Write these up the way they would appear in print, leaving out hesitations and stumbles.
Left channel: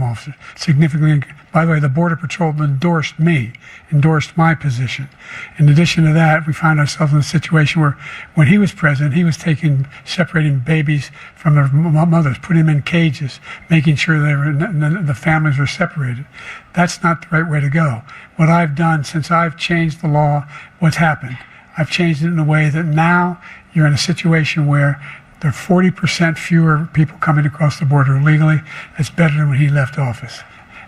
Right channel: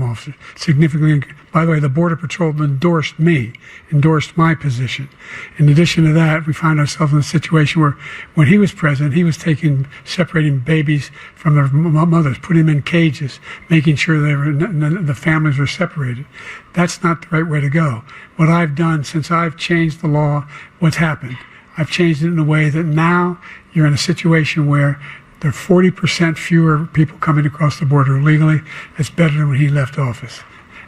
officer. Significantly, by the way, the Border Patrol endorsed my position. In addition to that, we found ourselves in a situation where when he was president, he was separating babies from their mothers, putting them in cages, making sure the families were separated. That's not the right way to go. What I've done since I've changed the law, what's happened? I've changed it in a way that now you're in a situation where there are 40% fewer people coming across the border illegally. That's better than when he left office.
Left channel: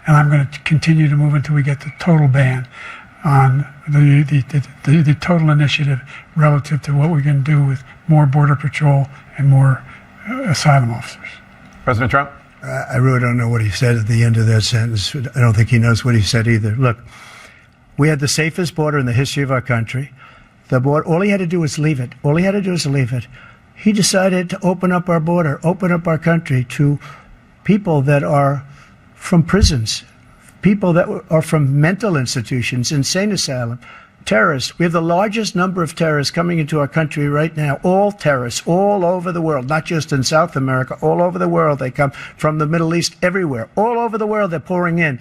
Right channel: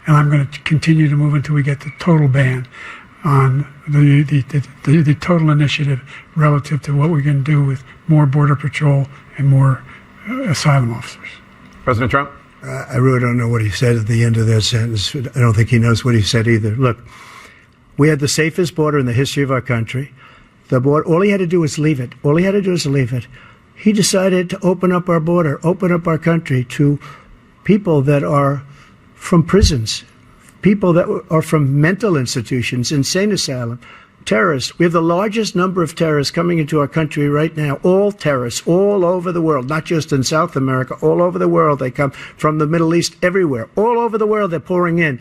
And I'm going to continue to move until we get the total ban on the total initiative relative to what we're going to do with more Border Patrol and more asylum officers. President Trump? I really don't know what he said at the end of that sentence. I don't think he knows what he said either. Look, we had the safest border in the history of our country. The border, all he had to do was leave it. All he had to do was leave it. He decided to open up our border, open up our country to people that are from prisons, people that are from mental institutions, insane asylum, terrorists. We have the largest number of terrorists coming into our country right now, all terrorists, all over the world, not just in South America, all over the world. They come from the Middle East, everywhere. All over the world, they're pouring in.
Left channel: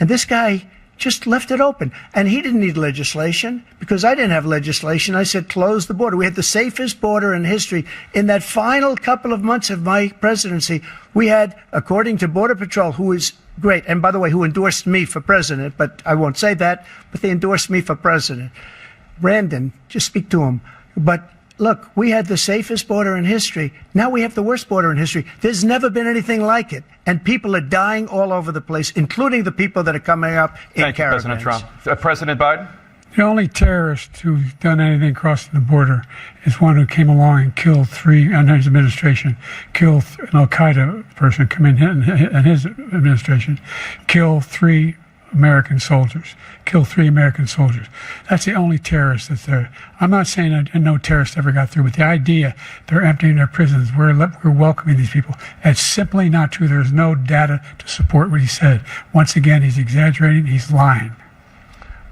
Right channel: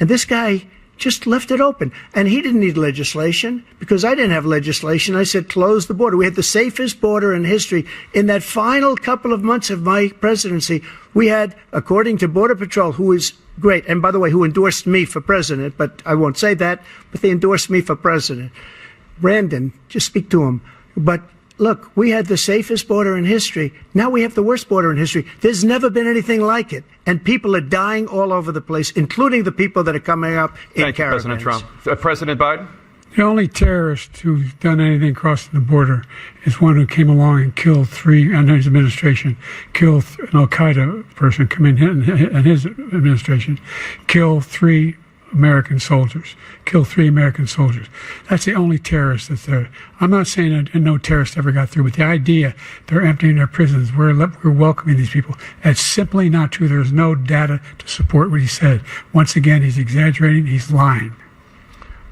And this guy just left it open. And he didn't need legislation because I didn't have legislation. I said, close the border. We had the safest border in history. In that final couple of months of my presidency, we had, according to Border Patrol, who is great, and by the way, who endorsed me for president, but I won't say that, but they endorsed me for president. Brandon, just speak to him. But look, we had the safest border in history. Now we have the worst border in history. There's never been anything like it. And people are dying all over the place, including the people that are coming up in caravans. Thank you, President Trump. President Biden? The only terrorist who's done anything crossing the border is one who came along and killed under his administration, killed an al-Qaeda person come in his administration, killed 3 American soldiers. That's the only terrorist that's there. I'm not saying that no terrorist ever got through, but the idea they're emptying their prisons, we're welcoming these people, that's simply not true. There's no data to support what he said. Once again, he's exaggerating, he's lying.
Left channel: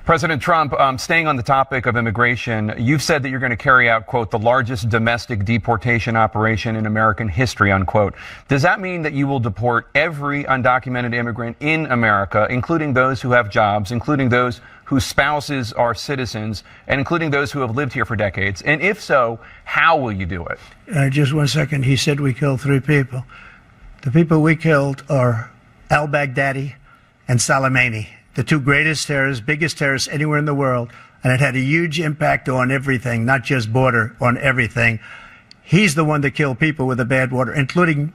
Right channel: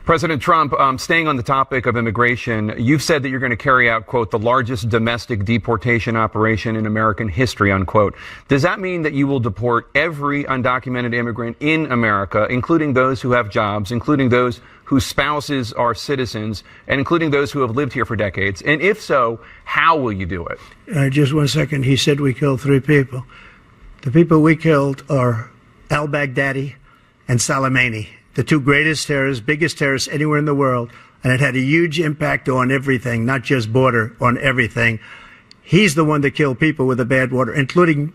President Trump, staying on the topic of immigration, you've said that you're going to carry out, quote, the largest domestic deportation operation in American history, unquote. Does that mean that you will deport every undocumented immigrant in America, including those who have jobs, including those whose spouses are citizens, and including those who have lived here for decades? And if so, how will you do it? Just 1 second. He said we killed 3 people. The people we killed are al-Baghdadi and Soleimani, the 2 greatest terrorists, biggest terrorists anywhere in the world, and it had a huge impact on everything, not just border, on everything. He's the one that killed people with the bad water, including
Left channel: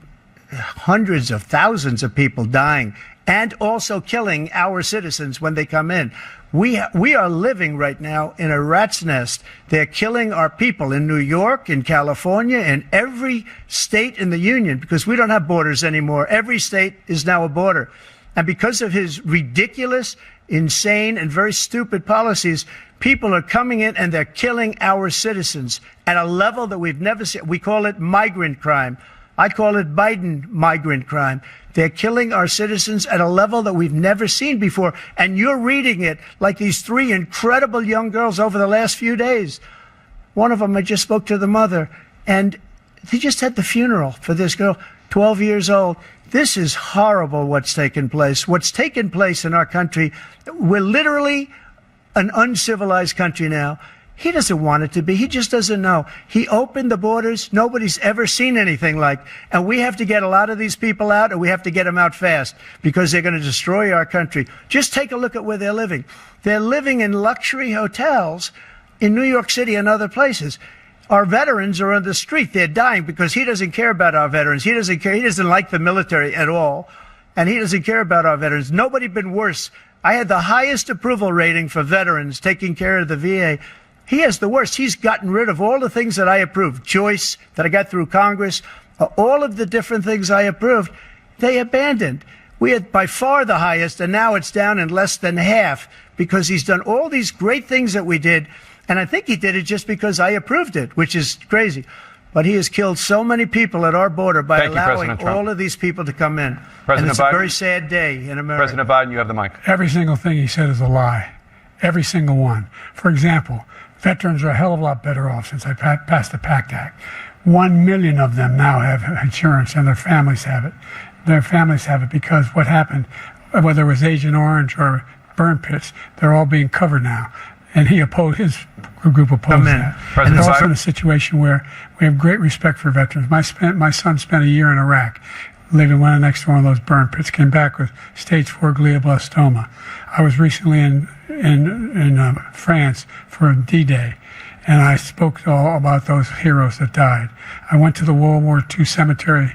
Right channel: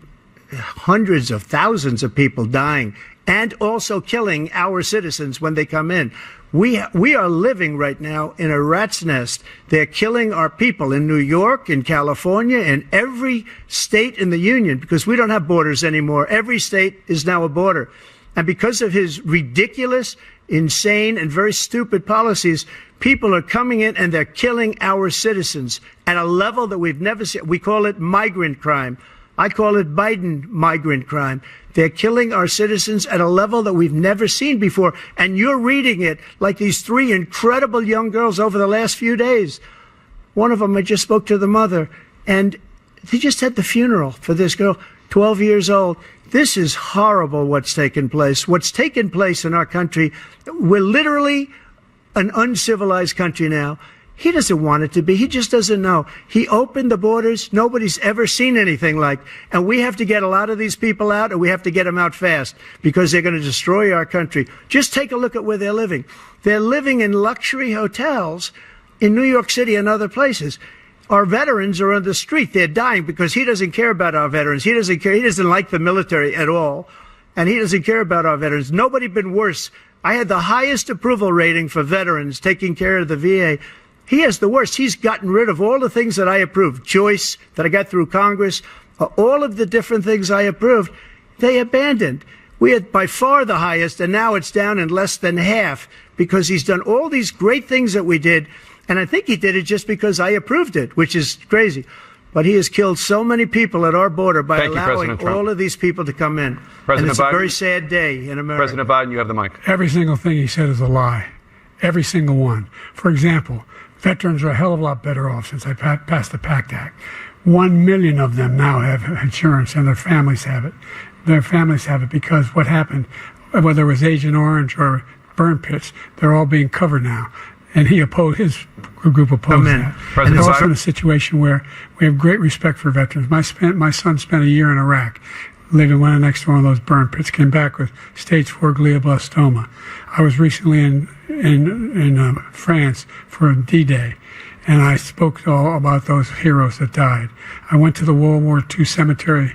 hundreds of thousands of people dying, and also killing our citizens when they come in. We are living right now in a rat's nest. They're killing our people in New York, in California, in every state in the union, because we don't have borders anymore. Every state is now a border. And because of his ridiculous, insane, and very stupid policies, people are coming in and they're killing our citizens at a level that we've never seen. We call it migrant crime. I call it Biden migrant crime. They're killing our citizens at a level that we've never seen before. And you're reading it like these 3 incredible young girls over the last few days. One of them, I just spoke to the mother, and he just had the funeral for this girl, 12 years old. This is horrible what's taken place. What's taken place in our country, we're literally an uncivilized country now. He doesn't want it to be. He just doesn't know. He opened the borders. Nobody's ever seen anything like. And we have to get a lot of these people out, and we have to get them out fast because they're going to destroy our country. Just take a look at where they're living. They're living in luxury hotels in New York City and other places. Our veterans are on the street. They're dying because he doesn't care about our veterans. He doesn't care. He doesn't like the military at all. And he doesn't care about our veterans. Nobody been worse. I had the highest approval rating for veterans taking care of the VA. He has the worst. He's gotten rid of all the things that I approved. Choice that I got through Congress, all of the different things I approved, they abandoned. We had by far the highest, and now it's down in less than half because he's done all these great things that we did. And I think he did it just because I approved it, which is crazy. But he has killed so many people at our border by allowing all of these people to come in. And it's a very sad day in America. President Biden, you have the mic. Every single thing he said is a lie. Every single one. For example, veterans are a hell of a lot better off since I passed the PACT Act. 1 million of them now have insurance and their families have it. their families have it because what happened, whether it was Agent Orange or burn pits, they're all being covered now. And his group opposed that. And it's also in a situation where we have great respect for veterans. My son spent a year in Iraq, living right next to one of those burn pits, came back with stage 4 glioblastoma. I was recently in France for D-Day, and I spoke all about those heroes that died. I went to the World War I cemetery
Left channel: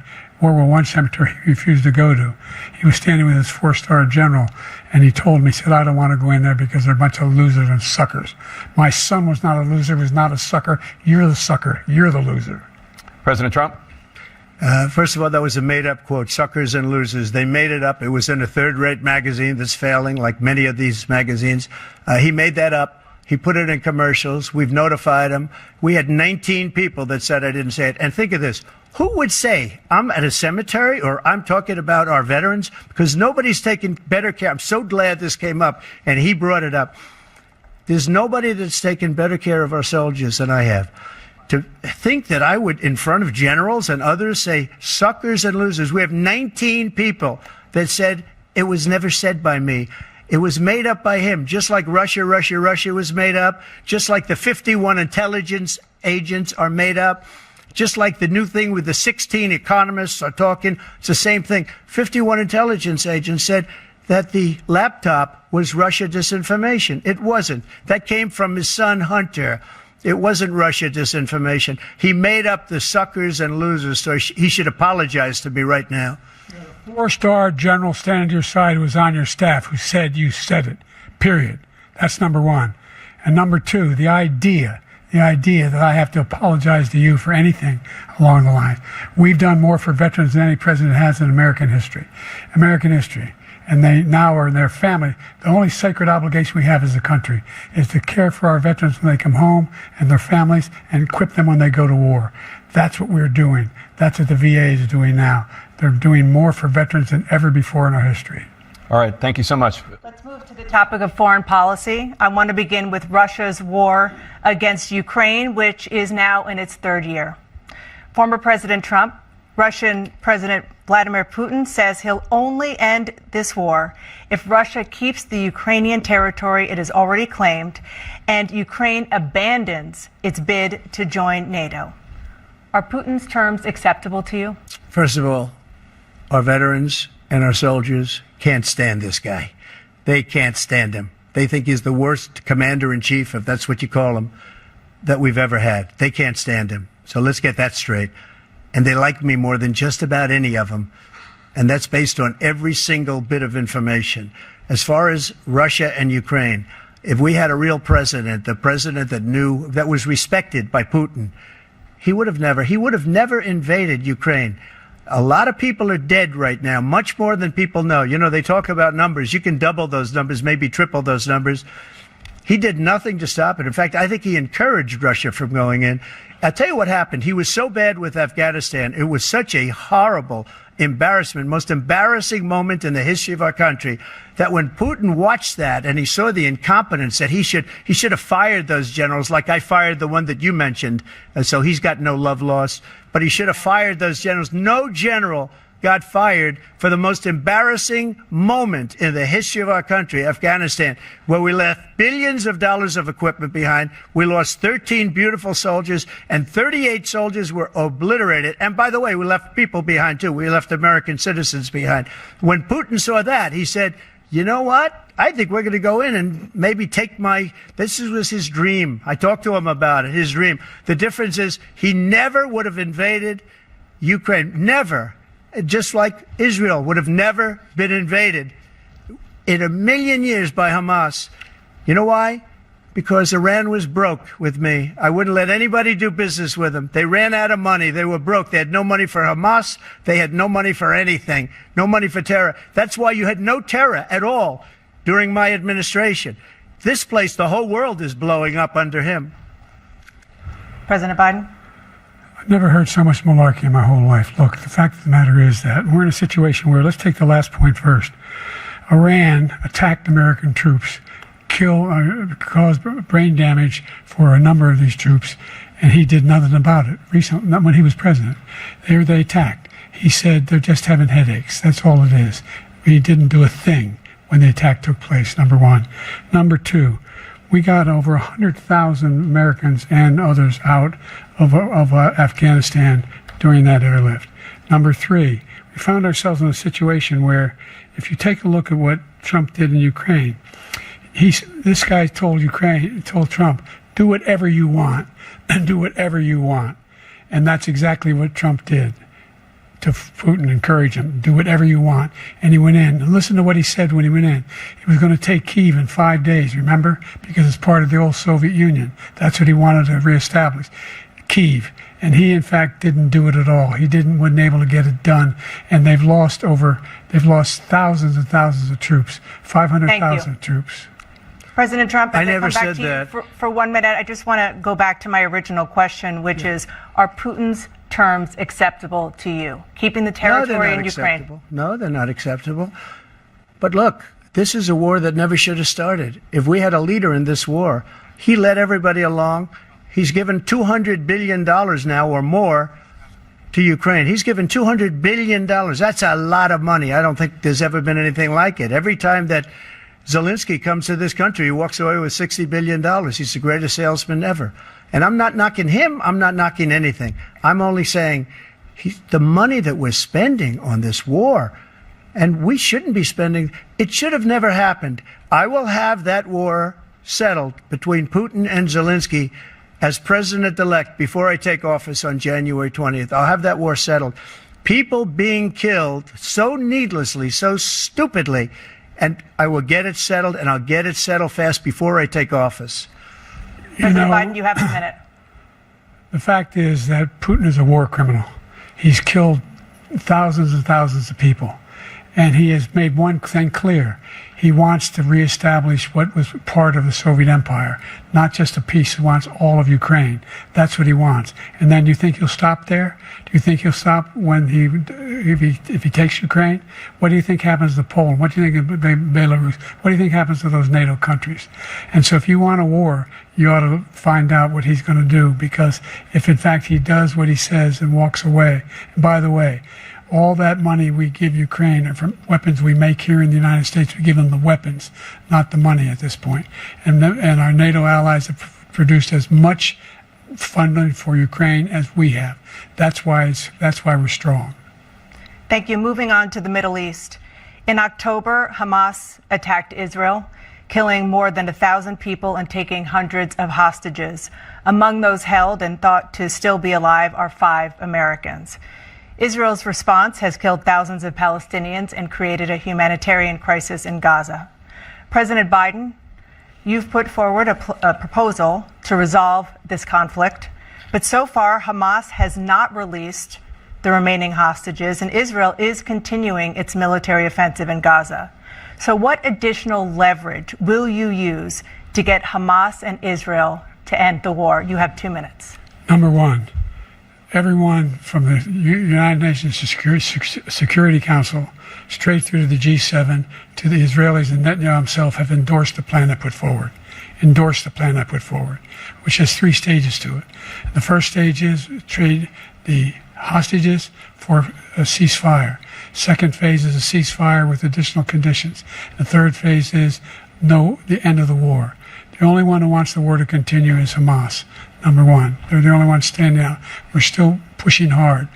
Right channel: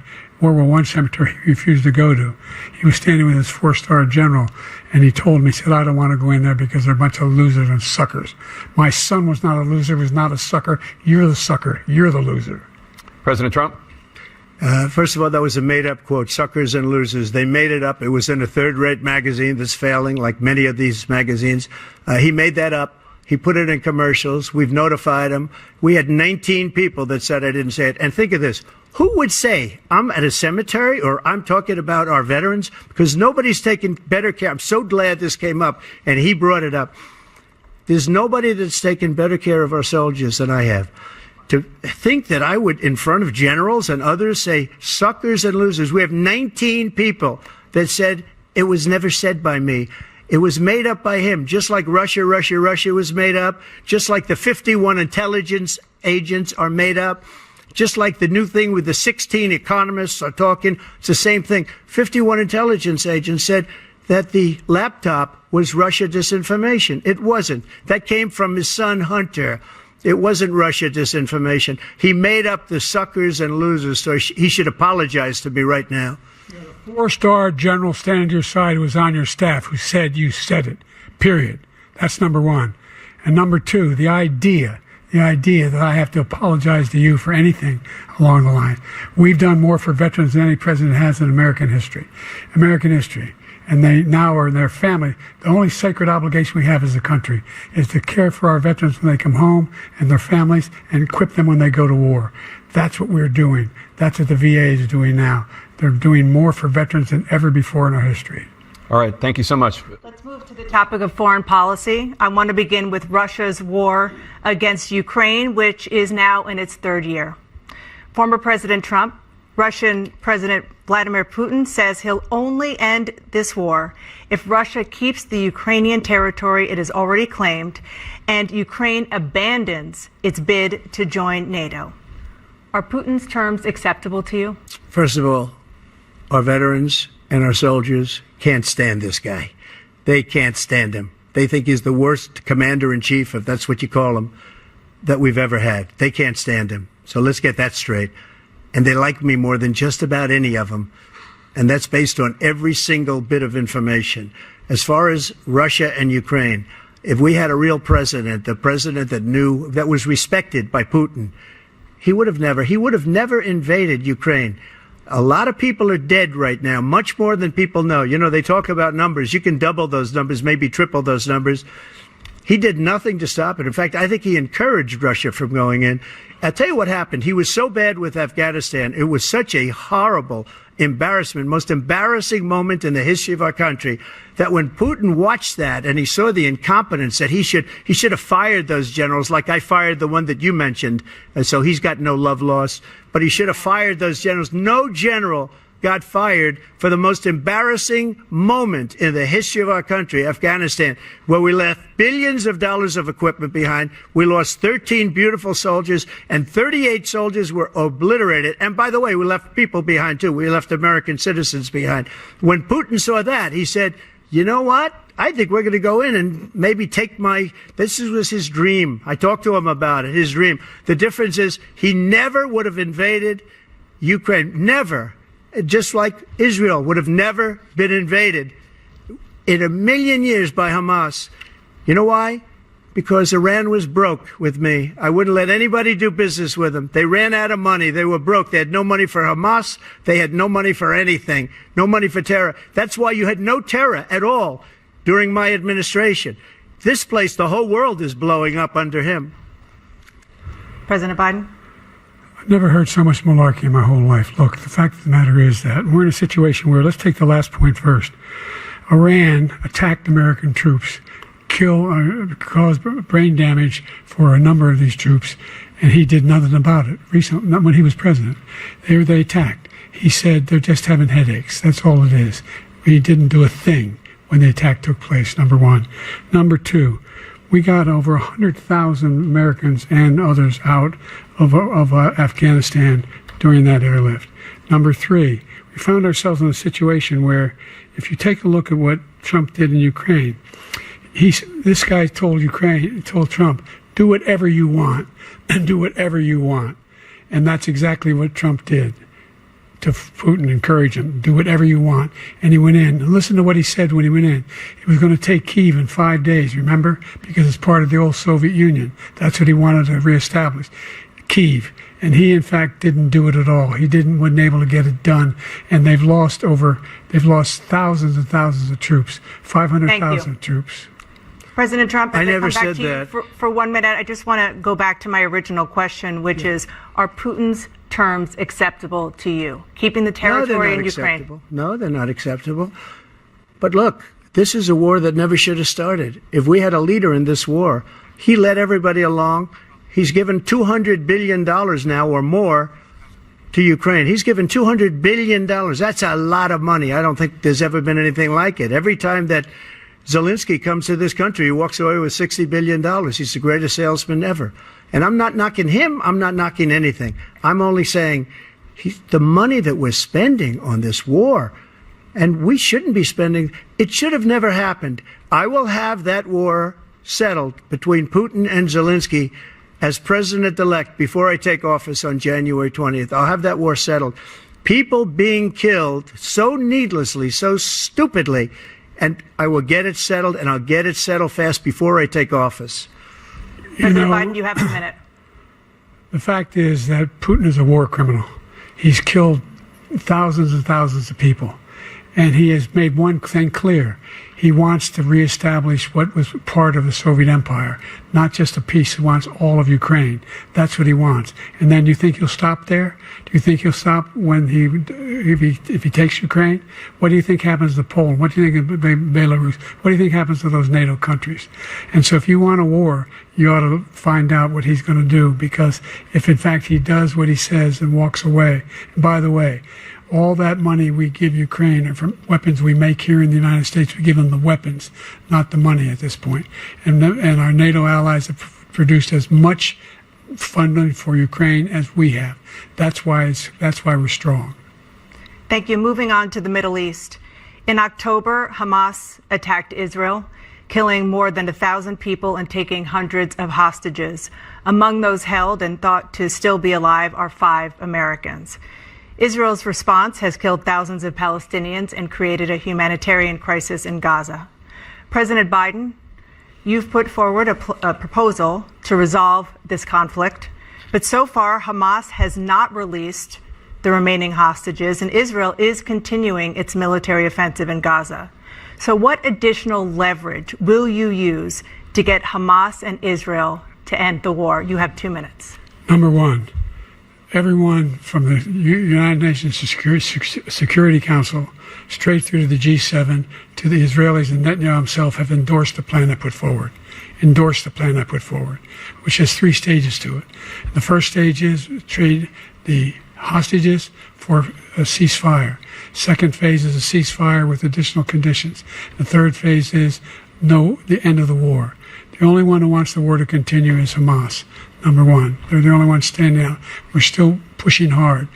he refused to go to. He was standing with his 4-star general, and he told me, he said, I don't want to go in there because they're a bunch of losers and suckers. My son was not a loser, was not a sucker. You're the sucker. You're the loser. President Trump? First of all, that was a made-up quote, suckers and losers. They made it up. It was in a third-rate magazine that's failing, like many of these magazines. He made that up. He put it in commercials. We've notified him. We had 19 people that said I didn't say it. And think of this. Who would say I'm at a cemetery or I'm talking about our veterans? Because nobody's taken better care. I'm so glad this came up, and he brought it up. There's nobody that's taken better care of our soldiers than I have. To think that I would, in front of generals and others, say suckers and losers. We have 19 people that said it was never said by me. It was made up by him, just like Russia was made up, just like the 51 intelligence agents are made up, just like the new thing with the 16 economists are talking. It's the same thing. 51 intelligence agents said that the laptop was Russia disinformation. It wasn't. That came from his son, Hunter. It wasn't Russia disinformation. He made up the suckers and losers, so he should apologize to me right now. 4-star general standing to your side who was on your staff who said you said it, period. That's number one. And number two, the idea that I have to apologize to you for anything along the line. We've done more for veterans than any president has in American history. And they now are in their family. The only sacred obligation we have as a country is to care for our veterans when they come home and their families and equip them when they go to war. That's what we're doing. That's what the VA is doing now. They're doing more for veterans than ever before in our history. All right. Thank you so much. Let's move to the topic of foreign policy. I want to begin with Russia's war against Ukraine, which is now in its third year. Former President Trump, Russian President Vladimir Putin says he'll only end this war if Russia keeps the Ukrainian territory it has already claimed and Ukraine abandons its bid to join NATO. Are Putin's terms acceptable to you? First of all, our veterans and our soldiers can't stand this guy. They can't stand him. They think he's the worst commander-in-chief, if that's what you call him, that we've ever had. They can't stand him. So let's get that straight. And they like me more than just about any of them. And that's based on every single bit of information. As far as Russia and Ukraine, if we had a real president, a president that knew, that was respected by Putin, he would have never invaded Ukraine. A lot of people are dead right now, much more than people know. You know, they talk about numbers. You can double those numbers, maybe triple those numbers. He did nothing to stop it. In fact, I think he encouraged Russia from going in. I'll tell you what happened. He was so bad with Afghanistan. It was such a horrible embarrassment, most embarrassing moment in the history of our country, that when Putin watched that and he saw the incompetence, that he should have fired those generals, like I fired the one that you mentioned, and so he's got no love lost. But he should have fired those generals. No general got fired for the most embarrassing moment in the history of our country, Afghanistan, where we left billions of dollars of equipment behind. We lost 13 beautiful soldiers, and 38 soldiers were obliterated. And by the way, we left people behind, too. We left American citizens behind. When Putin saw that, he said, you know what? I think we're going to go in and maybe take this was his dream. I talked to him about it, his dream. The difference is he never would have invaded Ukraine. Never. Just like Israel would have never been invaded in a million years by Hamas. You know why? Because Iran was broke with me. I wouldn't let anybody do business with them. They ran out of money. They were broke. They had no money for Hamas. They had no money for anything. No money for terror. That's why you had no terror at all during my administration. This place, the whole world is blowing up under him. President Biden? I've never heard so much malarkey in my whole life. Look, the fact of the matter is that we're in a situation where, let's take the last point first. Iran attacked American troops, caused brain damage for a number of these troops, and he did nothing about it. Recently, not when he was president. They attacked. He said they're just having headaches. That's all it is. He didn't do a thing when the attack took place, number one. Number two, we got over 100,000 Americans and others out of Afghanistan during that airlift. Number three, we found ourselves in a situation where, if you take a look at what Trump did in Ukraine, this guy told Trump, do whatever you want, and do whatever you want. And that's exactly what Trump did to Putin, encourage him, do whatever you want. And he went in. And listen to what he said when he went in. He was going to take Kyiv in 5 days, remember? Because it's part of the old Soviet Union. That's what he wanted to reestablish, Kyiv. And he, in fact, didn't do it at all. He wasn't able to get it done. And they've lost thousands and thousands of troops, 500,000 troops. President Trump, I never said that. For 1 minute, I just want to go back to my original question, which is, are Putin's terms acceptable to you? Keeping the territory in Ukraine? No, they're not acceptable. But look, this is a war that never should have started. If we had a leader in this war, he led everybody along. He's given $200 billion now or more to Ukraine. He's given $200 billion. That's a lot of money. I don't think there's ever been anything like it. Every time that Zelensky comes to this country, he walks away with $60 billion. He's the greatest salesman ever. And I'm not knocking him. I'm not knocking anything. I'm only saying the money that we're spending on this war, and we shouldn't be spending, it should have never happened. I will have that war settled between Putin and Zelensky as president-elect before I take office on January 20th. I'll have that war settled. People being killed so needlessly, so stupidly, and I will get it settled, and I'll get it settled fast before I take office. President Biden, you have a minute. The fact is that Putin is a war criminal. He's killed thousands and thousands of people. And he has made one thing clear. He wants to reestablish what was part of the Soviet Empire, not just a piece. He wants all of Ukraine. That's what he wants. And then you think he'll stop there? Do you think he'll stop when if he takes Ukraine? What do you think happens to Poland? What do you think of Belarus? What do you think happens to those NATO countries? And so if you want a war, you ought to find out what he's going to do, because if in fact he does what he says and walks away, and by the way, all that money we give Ukraine are from weapons we make here in the United States. We give them the weapons, not the money at this point. And our NATO allies have produced as much funding for Ukraine as we have. That's why we're strong. Thank you. Moving on to the Middle East. In October, Hamas attacked Israel, killing more than 1,000 people and taking hundreds of hostages. Among those held and thought to still be alive are 5 Americans. Israel's response has killed thousands of Palestinians and created a humanitarian crisis in Gaza. President Biden, you've put forward a proposal to resolve this conflict, but so far Hamas has not released the remaining hostages, and Israel is continuing its military offensive in Gaza. So what additional leverage will you use to get Hamas and Israel to end the war? You have 2 minutes. Number one, everyone from the United Nations Security Council straight through to the G7 to the Israelis and Netanyahu himself have endorsed the plan I put forward. Which has 3 stages to it. The first stage is trade the hostages for a ceasefire. Second phase is a ceasefire with additional conditions. The third phase is the end of the war. The only one who wants the war to continue is Hamas. Number one, they're the only ones standing out. We're still pushing hard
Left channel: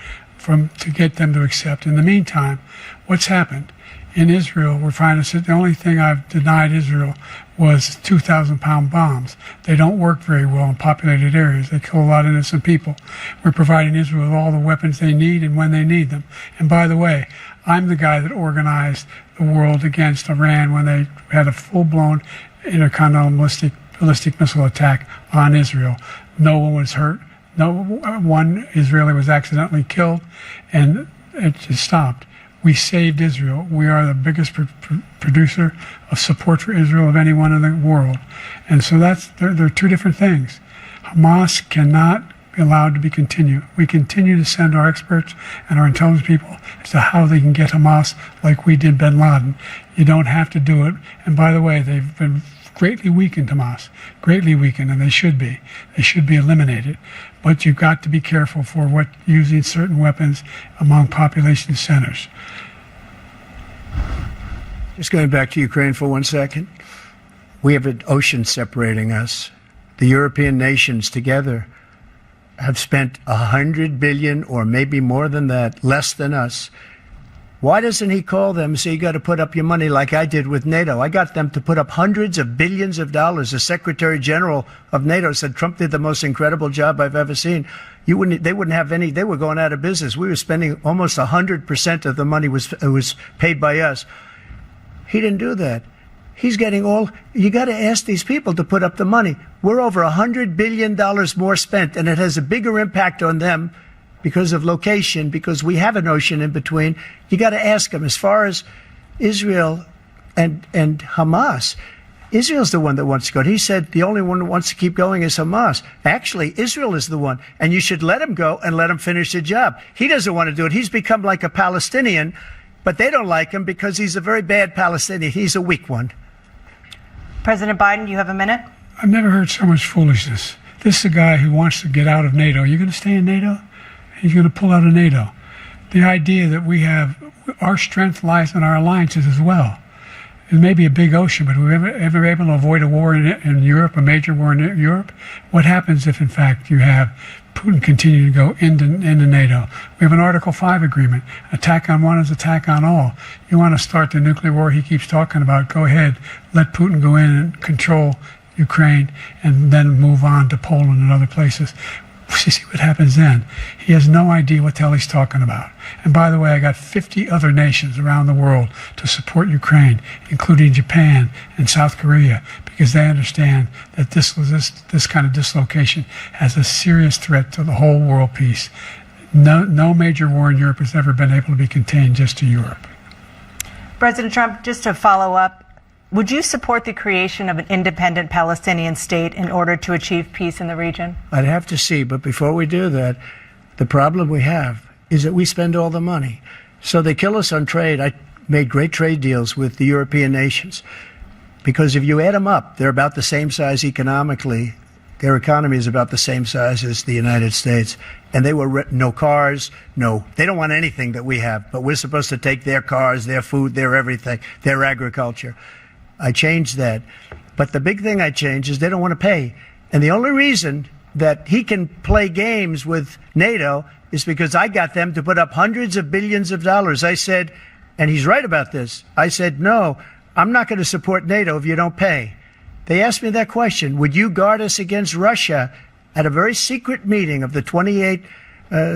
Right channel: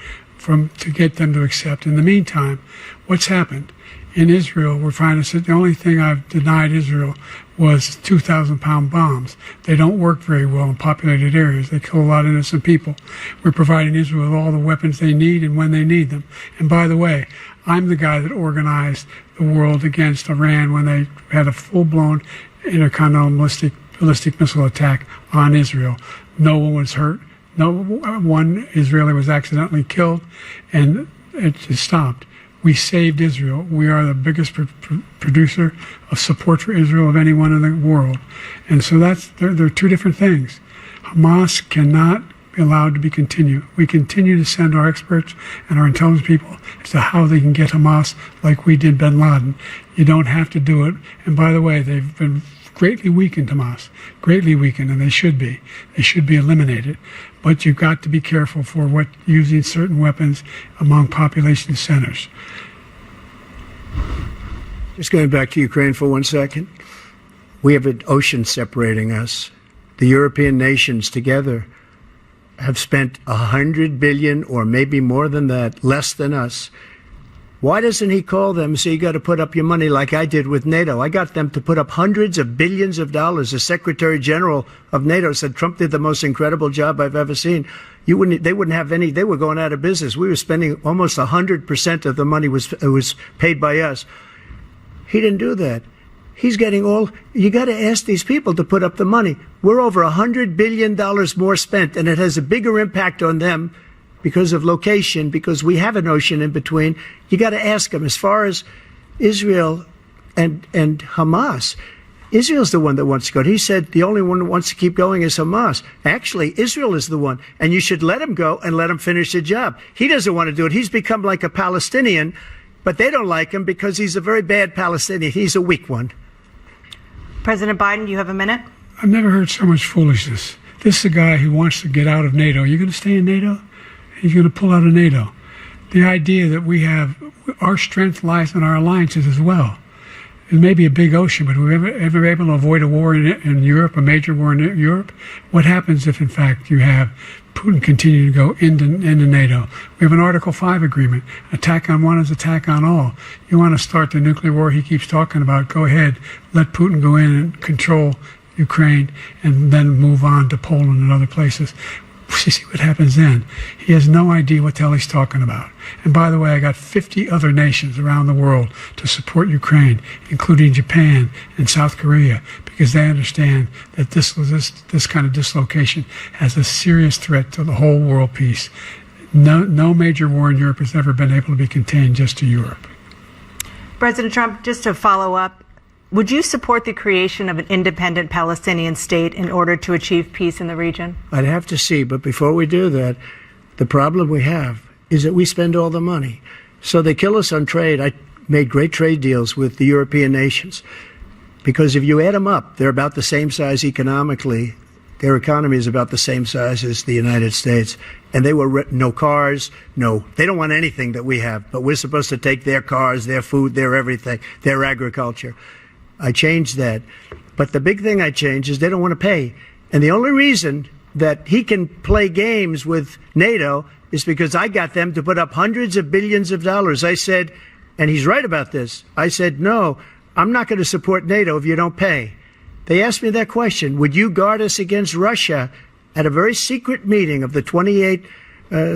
to get them to accept. In the meantime, what's happened? In Israel, we're finding that the only thing I've denied Israel was 2,000-pound bombs. They don't work very well in populated areas. They kill a lot of innocent people. We're providing Israel with all the weapons they need and when they need them. And by the way, I'm the guy that organized the world against Iran when they had a full-blown intercontinental ballistic missile attack on Israel. No one was hurt. No one Israeli was accidentally killed, and it just stopped. We saved Israel. We are the biggest producer of support for Israel of anyone in the world. And so there are 2 different things. Hamas cannot be allowed to be continued. We continue to send our experts and our intelligence people as to how they can get Hamas like we did bin Laden. You don't have to do it. And by the way, they've been greatly weakened Hamas, greatly weakened, and they should be. They should be eliminated. But you've got to be careful for what using certain weapons among population centers. Just going back to Ukraine for 1 second. We have an ocean separating us. The European nations together have spent $100 billion, or maybe more than that, less than us. Why doesn't he call them and say, you got to put up your money like I did with NATO? I got them to put up hundreds of billions of dollars. The Secretary General of NATO said Trump did the most incredible job I've ever seen. They wouldn't have any, they were going out of business. We were spending almost 100% of the money was paid by us. He didn't do that. He's getting all, you got to ask these people to put up the money. We're over $100 billion more spent, and it has a bigger impact on them because of location, because we have an ocean in between. You got to ask them. As far as Israel and Hamas, Israel's the one that wants to go. He said the only one that wants to keep going is Hamas. Actually, Israel is the one, and you should let him go and let him finish the job. He doesn't want to do it. He's become like a Palestinian, but they don't like him because he's a very bad Palestinian. He's a weak one. President Biden, you have a minute. I've never heard so much foolishness. This is a guy who wants to get out of NATO. You're going to stay in NATO? He's going to pull out of NATO. The idea that we have, our strength lies in our alliances as well. It may be a big ocean, but we're ever able to avoid a war in Europe, a major war in Europe? What happens if, in fact, you have Putin continue to go into NATO? We have an Article 5 agreement. Attack on one is attack on all. You want to start the nuclear war he keeps talking about, go ahead. Let Putin go in and control Ukraine and then move on to Poland and other places. See what happens then. He has no idea what the hell he's talking about. And by the way, I got 50 other nations around the world to support Ukraine, including Japan and South Korea, because they understand that this kind of dislocation has a serious threat to the whole world peace. No major war in Europe has ever been able to be contained just to Europe. President Trump, just to follow up, would you support the creation of an independent Palestinian state in order to achieve peace in the region? I'd have to see, but before we do that, the problem we have is that we spend all the money. So they kill us on trade. I made great trade deals with the European nations because if you add them up, they're about the same size economically. Their economy is about the same size as the United States. And they were no cars, they don't want anything that we have, but we're supposed to take their cars, their food, their everything, their agriculture. I changed that. But the big thing I changed is they don't want to pay. And the only reason that he can play games with NATO is because I got them to put up hundreds of billions of dollars. I said, and he's right about this, I said, no, I'm not going to support NATO if you don't pay. They asked me that question, would you guard us against Russia, at a very secret meeting of the 28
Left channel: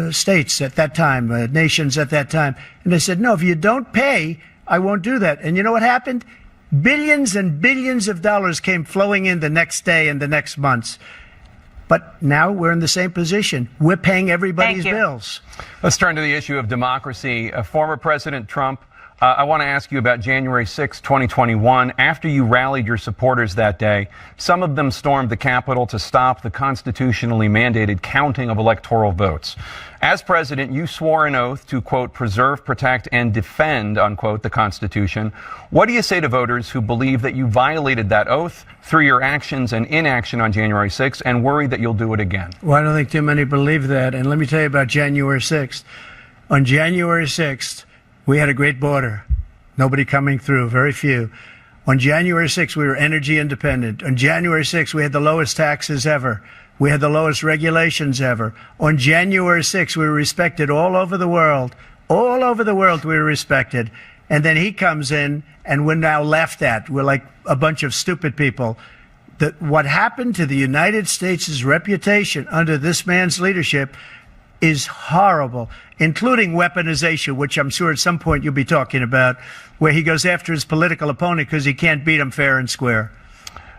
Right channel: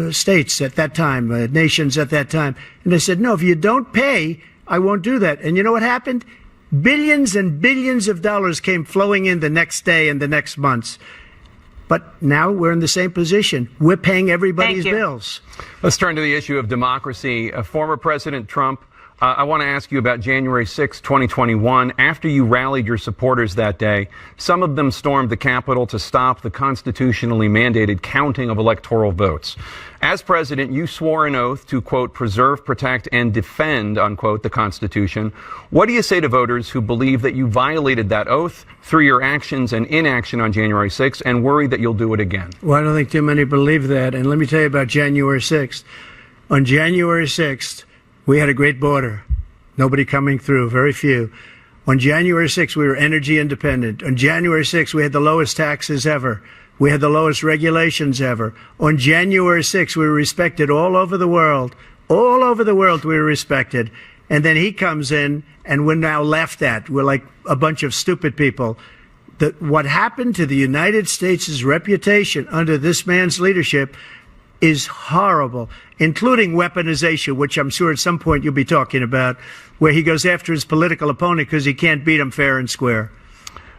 states at that time, nations at that time. And they said, no, if you don't pay, I won't do that. And you know what happened? Billions and billions of dollars came flowing in the next day and the next months. But now we're in the same position. We're paying everybody's bills. Let's turn to the issue of democracy. Former President Trump, I want to ask you about January 6, 2021. After you rallied your supporters that day, some of them stormed the Capitol to stop the constitutionally mandated counting of electoral votes. As president, you swore an oath to, quote, preserve, protect, and defend, unquote, the Constitution. What do you say to voters who believe that you violated that oath through your actions and inaction on January 6th and worry that you'll do it again? Well, I don't think too many believe that. And let me tell you about January 6th. On January 6th, we had a great border. Nobody coming through, very few. On January 6th, we were energy independent. On January 6th, we had the lowest taxes ever. We had the lowest regulations ever. On January 6th, we were respected all over the world. All over the world, we were respected. And then he comes in, and we're now laughed at. We're like a bunch of stupid people. What happened to the United States' reputation under this man's leadership is horrible, including weaponization, which I'm sure at some point you'll be talking about, where he goes after his political opponent because he can't beat him fair and square.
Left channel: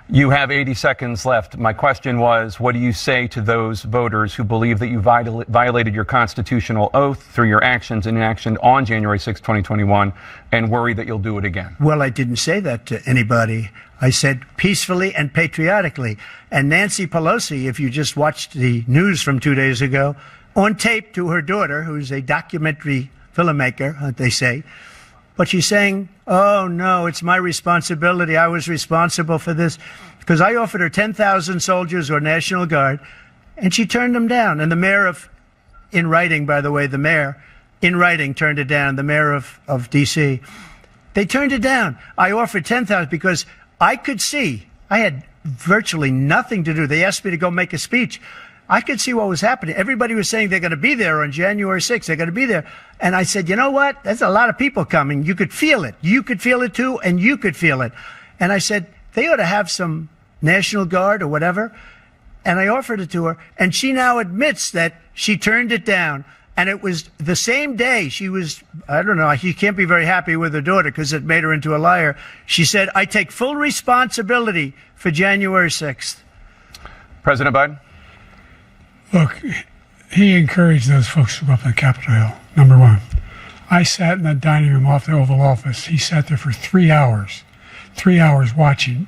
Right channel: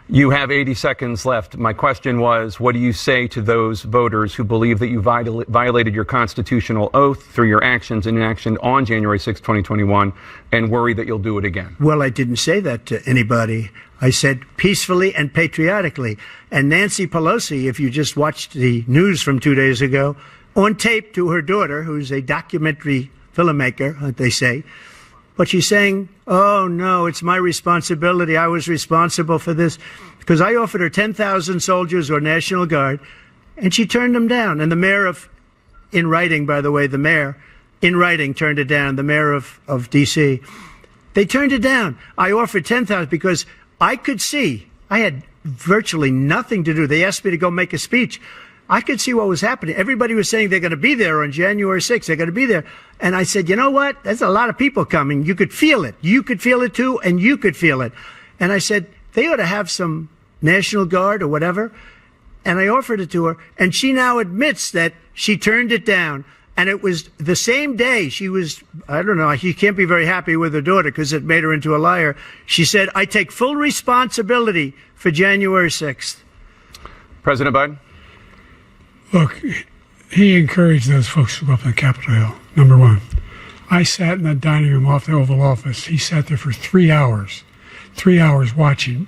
You have 80 seconds left. My question was, what do you say to those voters who believe that you violated your constitutional oath through your actions and inaction on January 6, 2021, and worry that you'll do it again? Well, I didn't say that to anybody. I said peacefully and patriotically. And Nancy Pelosi, if you just watched the news from 2 days ago, on tape to her daughter, who's a documentary filmmaker, they say, but she's saying, oh, no, it's my responsibility. I was responsible for this. Because I offered her 10,000 soldiers or National Guard, and she turned them down. And the mayor in writing, by the way, the mayor, in writing, turned it down, the mayor of D.C. They turned it down. I offered 10,000 because I could see, I had virtually nothing to do. They asked me to go make a speech. I could see what was happening. Everybody was saying they're going to be there on January 6th. They're going to be there. And I said, you know what? There's a lot of people coming. You could feel it. You could feel it, too, and you could feel it. And I said, they ought to have some National Guard or whatever. And I offered it to her. And she now admits that she turned it down. And it was the same day she was, I don't know, she can't be very happy with her daughter because it made her into a liar. She said, I take full responsibility for January 6th. President Biden? Look, he encouraged those folks to go up on Capitol Hill, number one. I sat in the dining room off the Oval Office. He sat there for 3 hours watching,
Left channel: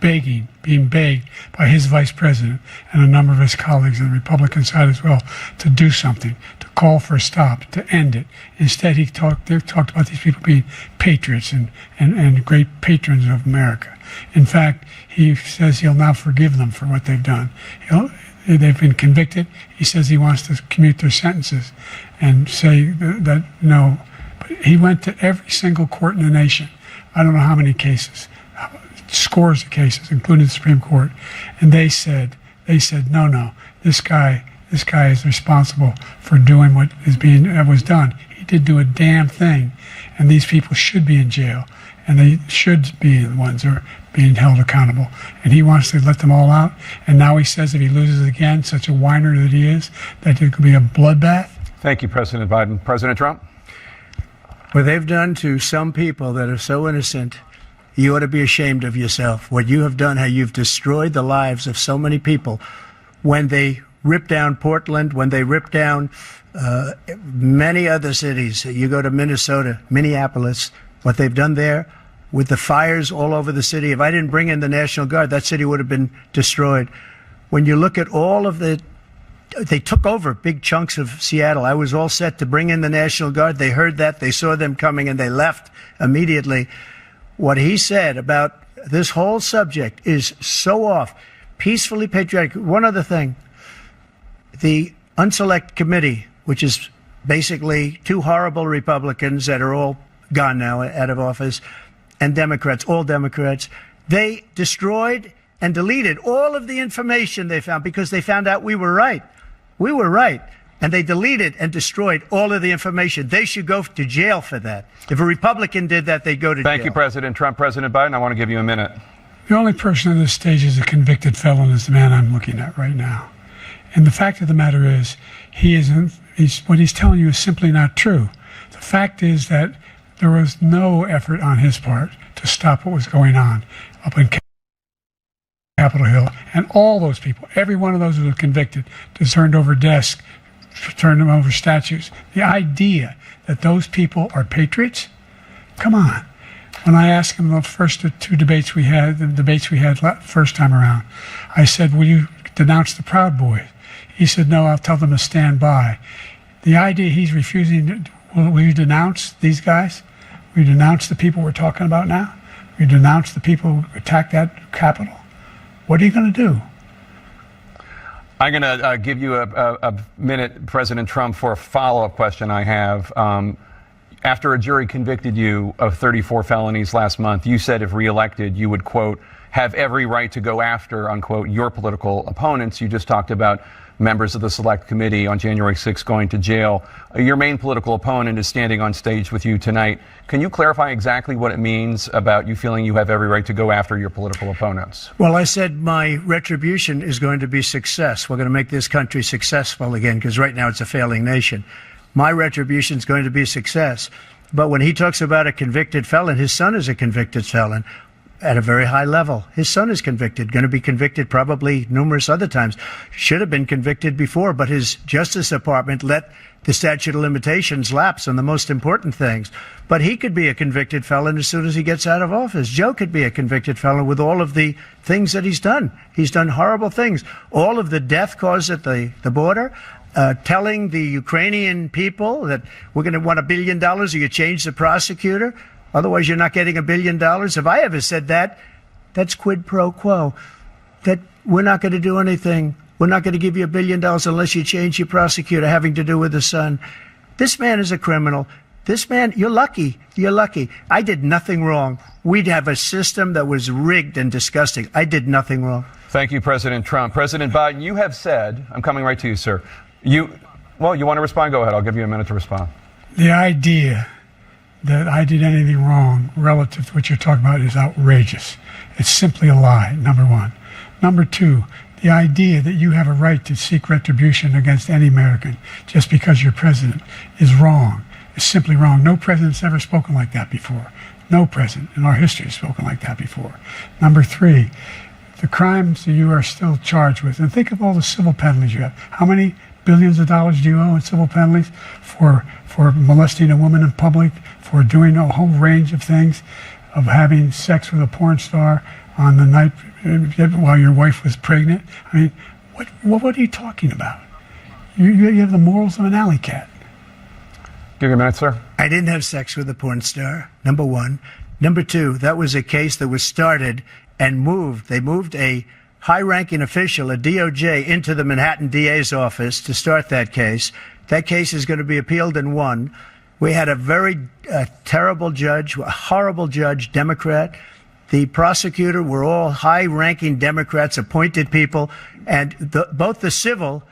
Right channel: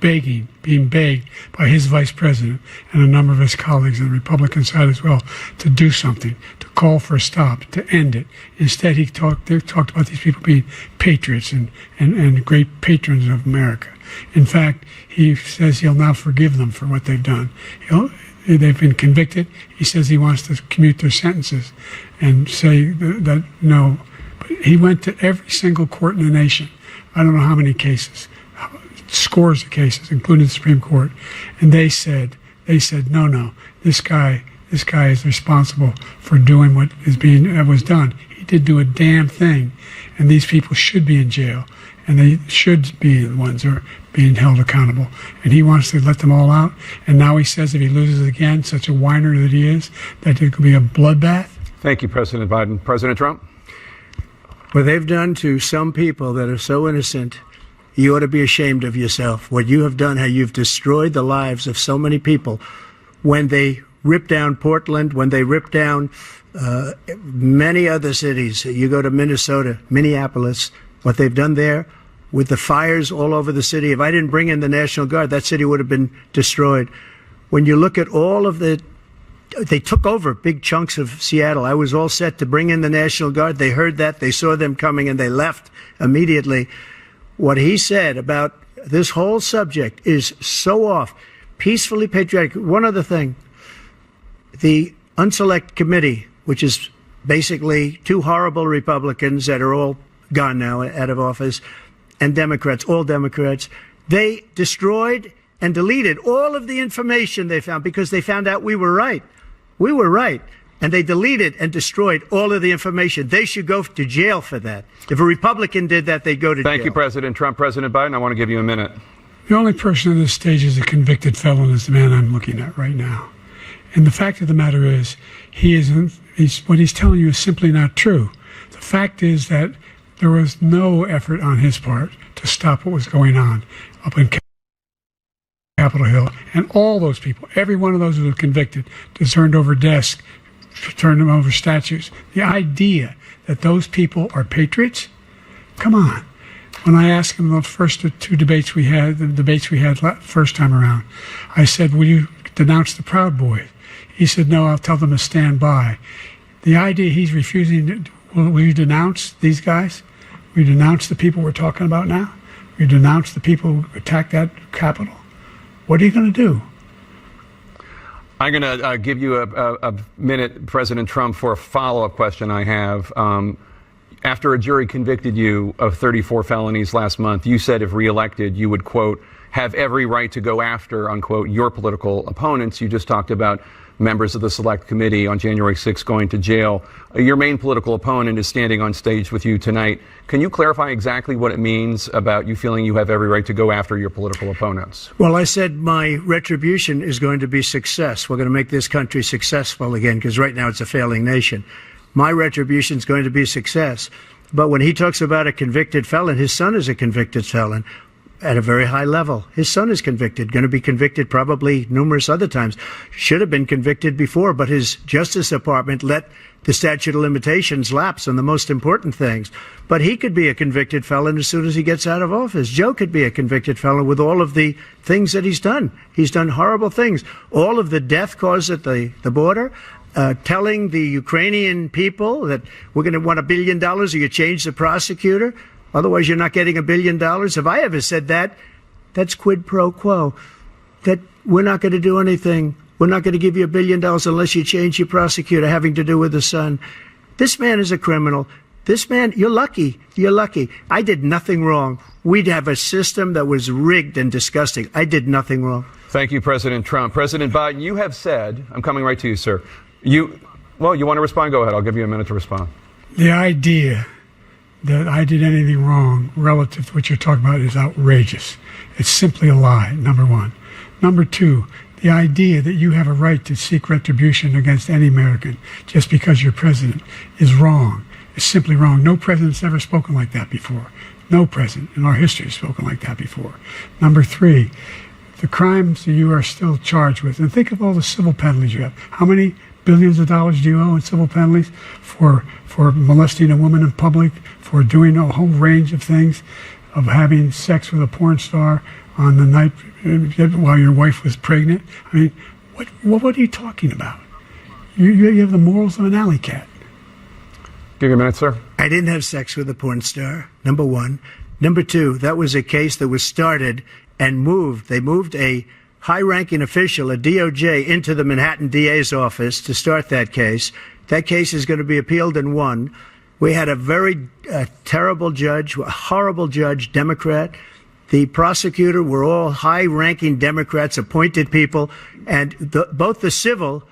begging, being begged by his vice president and a number of his colleagues on the Republican side as well to do something, to call for a stop, to end it. Instead, they talked about these people being patriots and great patrons of America. In fact, he says he'll now forgive them for what they've done. They've been convicted. He says he wants to commute their sentences and say that no. But he went to every single court in the nation. I don't know how many cases, scores of cases, including the Supreme Court, and they said, no, this guy is responsible for doing what was done. He did do a damn thing, and these people should be in jail, and they should be the ones who are being held accountable. And he wants to let them all out, and now he says if he loses again, such a whiner that he is, that it could be a bloodbath. Thank you, President Biden. President Trump? What they've done to some people that are so innocent, you ought to be ashamed of yourself. What you have done, how you've destroyed the lives of so many people. When they ripped down Portland, when they ripped down many other cities, you go to Minnesota, Minneapolis, what they've done there with the fires all over the city. If I didn't bring in the National Guard, that city would have been destroyed. When you look at all of they took over big chunks of Seattle. I was all set to bring in the National Guard. They heard that. They saw them coming, and they left immediately. What he said about this whole subject is so off. Peacefully patriotic. One other thing. The Unselect Committee, which is basically two horrible Republicans that are all gone now, out of office, and Democrats, all Democrats, they destroyed and deleted all of the information they found because they found out we were right. We were right. And they deleted and destroyed all of the information. They should go to jail for that. If a Republican did that, they'd go to jail. Thank you, President Trump. President Biden, I want to give you a minute. The only person on this stage is a convicted felon is the man I'm looking at right now. And the fact of the matter is, what he's telling you is simply not true. The fact is that there was no effort on his part to stop what was going on up in Capitol Hill. And all those people, every one of those who were convicted, turned over desks, turned them over statues. The idea that those people are patriots? Come on. When I asked him the first two debates we had, first time around, I said, will you denounce the Proud Boys? He said, no, I'll tell them to stand by. The idea he's refusing, will you denounce these guys? Will you denounce the people we're talking about now? Will you denounce the people who attacked that Capitol? What are you going to do? I'm going to give you a minute, President Trump, for a follow-up question I have. After a jury convicted you of 34 felonies last month, you said if reelected, you would, quote, have every right to go after, unquote, your political opponents. You just talked about members of the Select Committee on January 6th going to jail. Your main political opponent is standing on stage with you tonight. Can you clarify exactly what it means about you feeling you have every right to go after your political opponents? Well, I said my retribution is going to be success. We're going to make this country successful again, because right now it's a failing nation. My retribution is going to be success. But when he talks about a convicted felon, his son is a convicted felon at a very high level. His son is convicted, going to be convicted probably numerous other times. Should have been convicted before, but his Justice Department let the statute of limitations lapse on the most important things. But he could be a convicted felon as soon as he gets out of office. Joe could be a convicted felon with all of the things that he's done. He's done horrible things. All of the death caused at the border, telling the Ukrainian people that we're going to want $1 billion or you change the prosecutor, otherwise you're not getting $1 billion. If I ever said that, that's quid pro quo. That we're not going to do anything. We're not going to give you $1 billion unless you change your prosecutor having to do with the son. This man is a criminal. This man, you're lucky. You're lucky. I did nothing wrong. We'd have a system that was rigged and disgusting. I did nothing wrong. Thank you, President Trump. President Biden, you have said, I'm coming right to you, sir. Well, you want to respond? Go ahead. I'll give you a minute to respond. The idea that I did anything wrong relative to what you're talking about is outrageous. It's simply a lie, number one. Number two, the idea that you have a right to seek retribution against any American just because you're president is wrong. It's simply wrong. No president's ever spoken like that before. No president in our history has spoken like that before. Number three, the crimes that you are still charged with, and think of all the civil penalties you have. How many billions of dollars do you owe in civil penalties for molesting a woman in public, for doing a whole range of things, of having sex with a porn star on the night while your wife was pregnant? I mean, what are you talking about? You have the morals of an alley cat. Give you a minute, sir. I didn't have sex with a porn star, number one. Number two, that was a case that was started and moved. They moved a high-ranking official, a DOJ, into the Manhattan DA's office to start that case. That case is going to be appealed and won. We had a very terrible judge, a horrible judge, Democrat. The prosecutor were all high-ranking Democrats, appointed people, and both the civil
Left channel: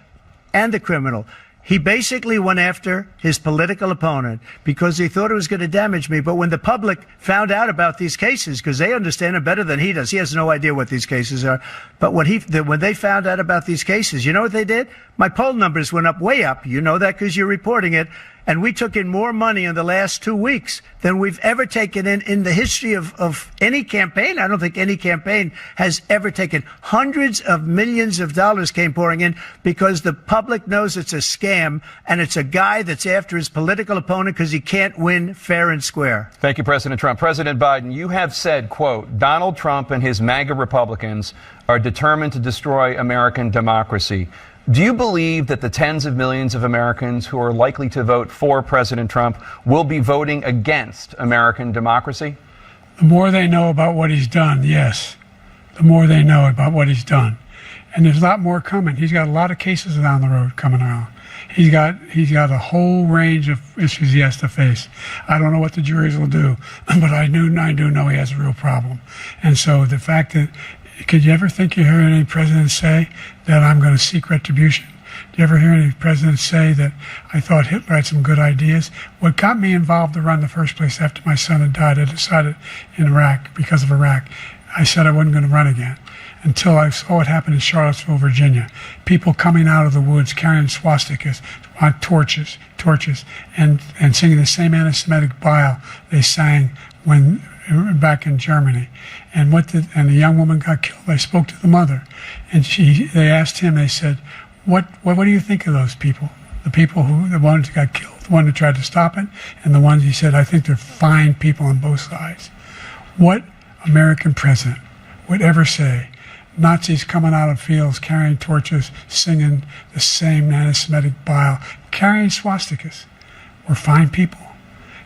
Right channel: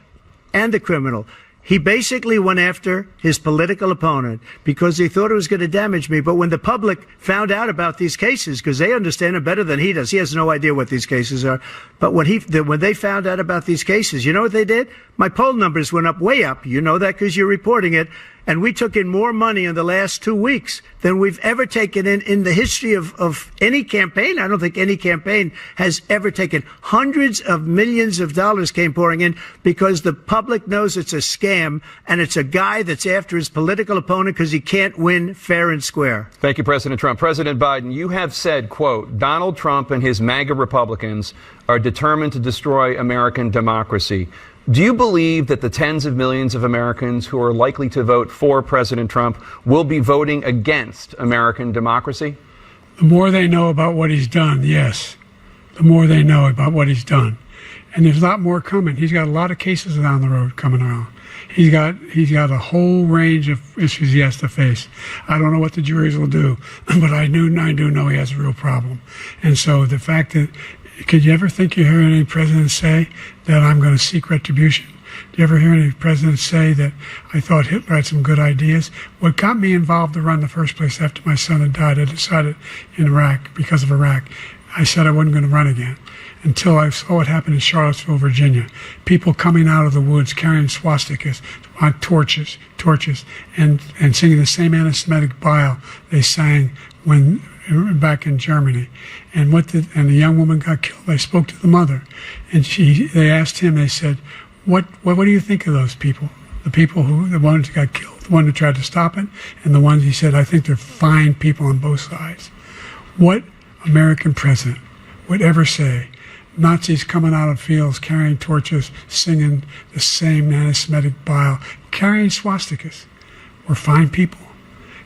and the criminal. He basically went after his political opponent because he thought it was going to damage me. But when the public found out about these cases, because they understand it better than he does, he has no idea what these cases are. But when they found out about these cases, you know what they did? My poll numbers went up, way up. You know that because you're reporting it. And we took in more money in the last 2 weeks than we've ever taken in the history of any campaign. I don't think any campaign has ever taken. Hundreds of millions of dollars came pouring in because the public knows it's a scam and it's a guy that's after his political opponent because he can't win fair and square. Thank you, President Trump. President Biden, you have said, quote, Donald Trump and his MAGA Republicans are determined to destroy American democracy. Do you believe that the tens of millions of Americans who are likely to vote for President Trump will be voting against American democracy? The more they know about what he's done, yes. The more they know about what he's done. And there's a lot more coming. He's got a lot of cases down the road coming around. He's got a whole range of issues he has to face. I don't know what the juries will do, but I do know he has a real problem. And so the fact that, could you ever think you heard any president say that I'm going to seek retribution? Do you ever hear any president say that I thought Hitler had some good ideas? What got me involved to run in the first place after my son had died, I decided in Iraq, because of Iraq, I said I wasn't going to run again until I saw what happened in Charlottesville, Virginia. People coming out of the woods carrying swastikas, torches, and singing the same anti-Semitic bile they sang when back in Germany. And the young woman got killed. I spoke to the mother, and they asked him. They said, "What do you think of those people? The ones who got killed, the one who tried to stop it, and the ones," he said, "I think they're fine people on both sides." What American president would ever say Nazis coming out of fields carrying torches, singing the same anti-Semitic bile, carrying swastikas were fine people?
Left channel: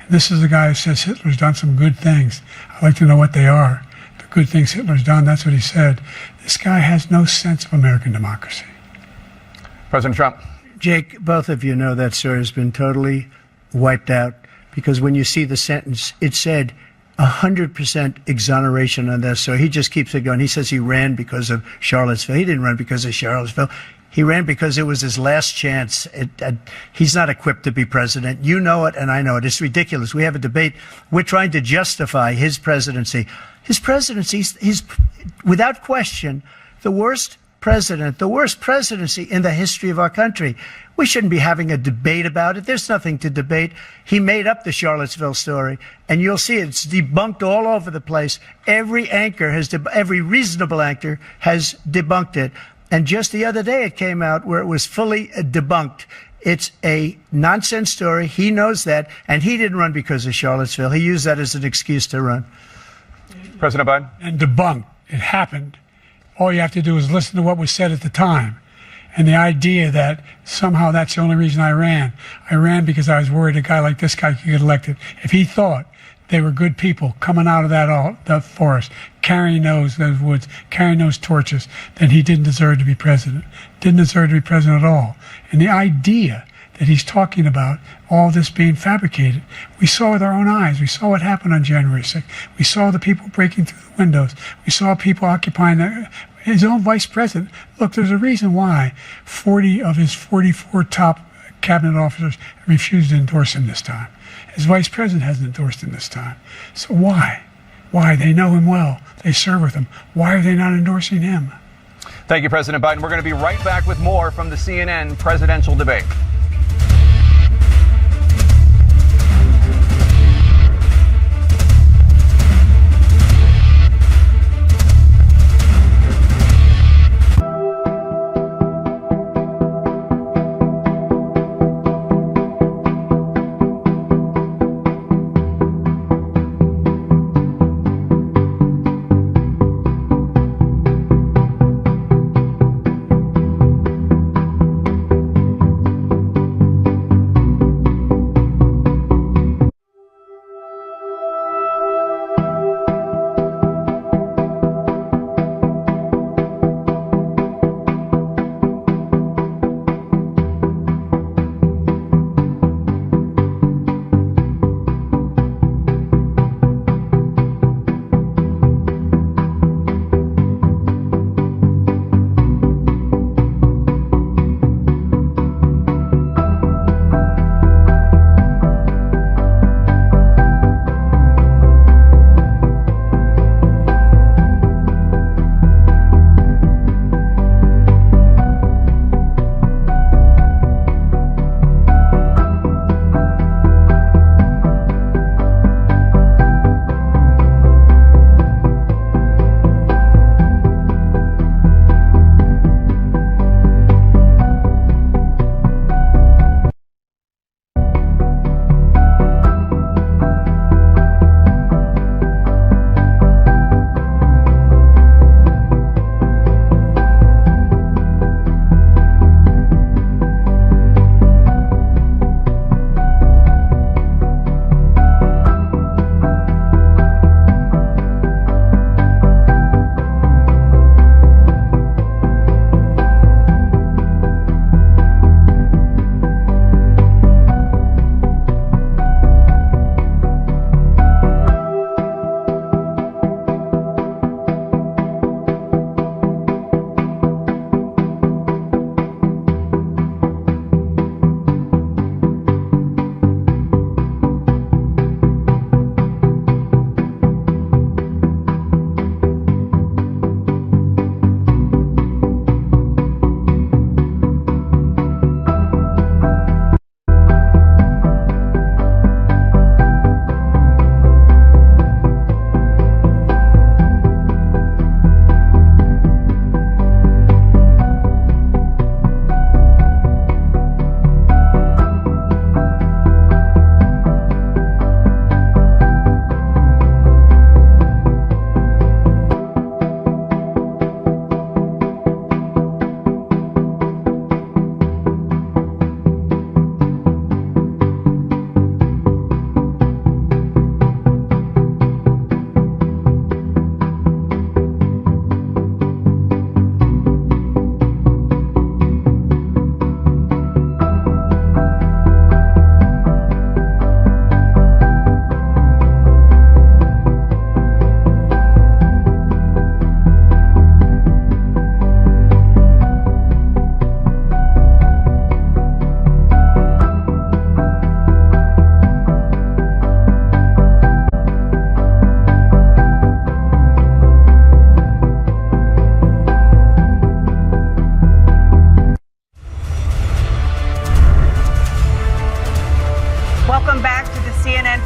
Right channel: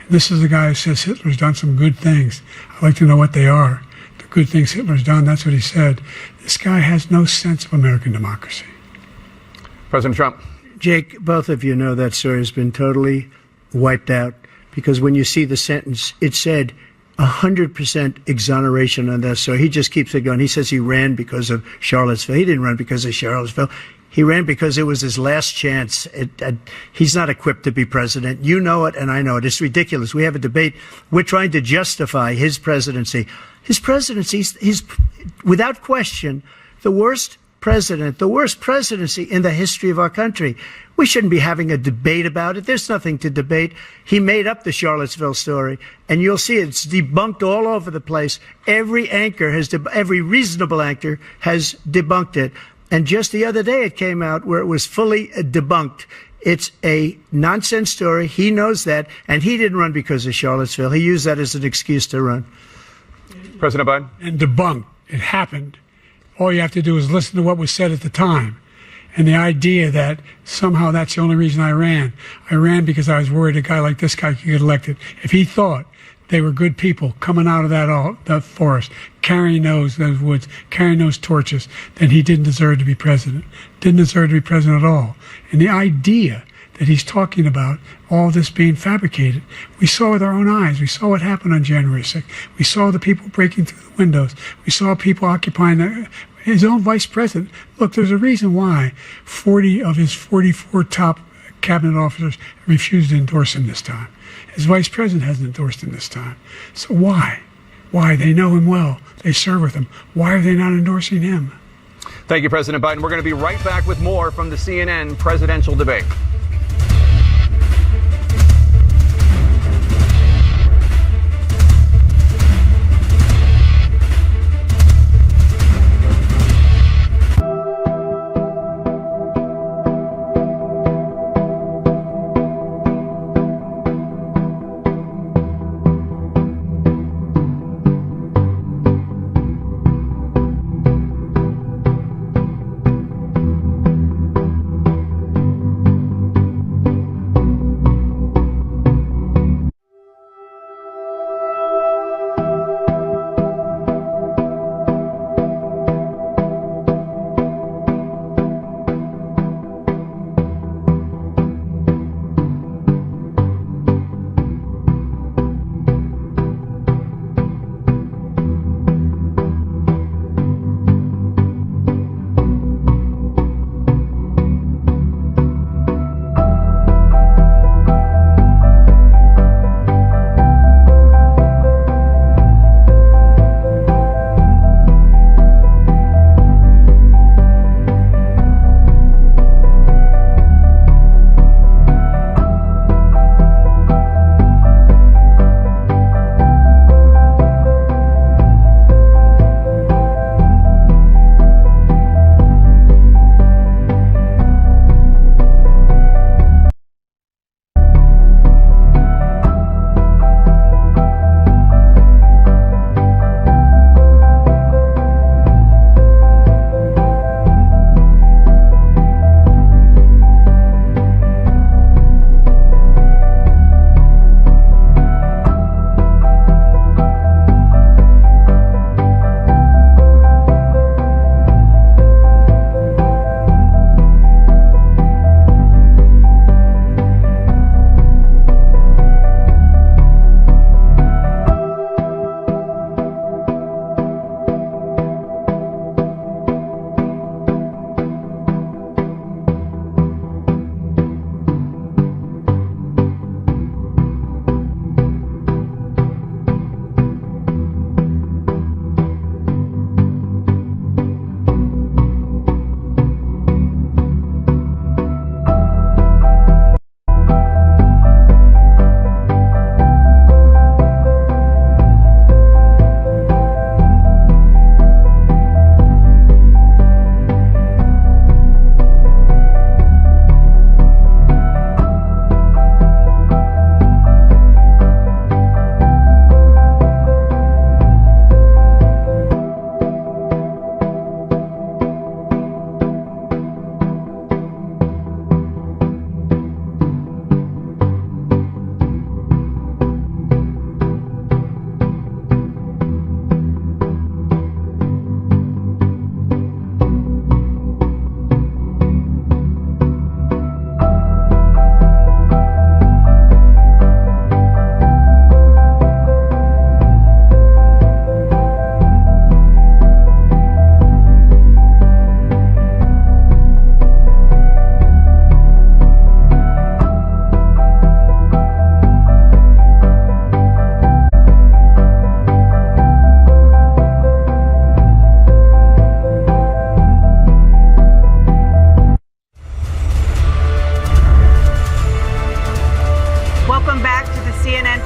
And this is the guy who says Hitler's done some good things. I'd like to know what they are. Good things Hitler's done, that's what he said. This guy has no sense of American democracy. President Trump. Jake, both of you know that story has been totally wiped out because when you see the sentence, it said 100% exoneration on that story. He just keeps it going. He says he ran because of Charlottesville. He didn't run because of Charlottesville. He ran because it was his last chance. He's not equipped to be president. You know it, and I know it. It's ridiculous. We have a debate. We're trying to justify his presidency. His presidency is, without question, the worst presidency in the history of our country. We shouldn't be having a debate about it. There's nothing to debate. He made up the Charlottesville story, and you'll see it's debunked all over the place. Every reasonable anchor has debunked it. And just the other day it came out where it was fully debunked. It's a nonsense story. He knows that, and he didn't run because of Charlottesville. He used that as an excuse to run. President Biden. And debunked. It happened. All you have to do is listen to what was said at the time. And the idea that somehow that's the only reason I ran because I was worried a guy like this guy could get elected. If he thought they were good people coming out of that forest, carrying those woods, carrying those torches, then he didn't deserve to be president. Didn't deserve to be president at all. And the idea that he's talking about all this being fabricated, we saw with our own eyes. We saw what happened on January 6th. We saw the people breaking through the windows. We saw people occupying his own vice president. Look, there's a reason why 40 of his 44 top cabinet officers refused to endorse him this time. His vice president hasn't endorsed him this time. So why? Why? They know him well. They serve with him. Why are they not endorsing him? Thank you, President Biden. We're going to be right back with more from the CNN presidential debate.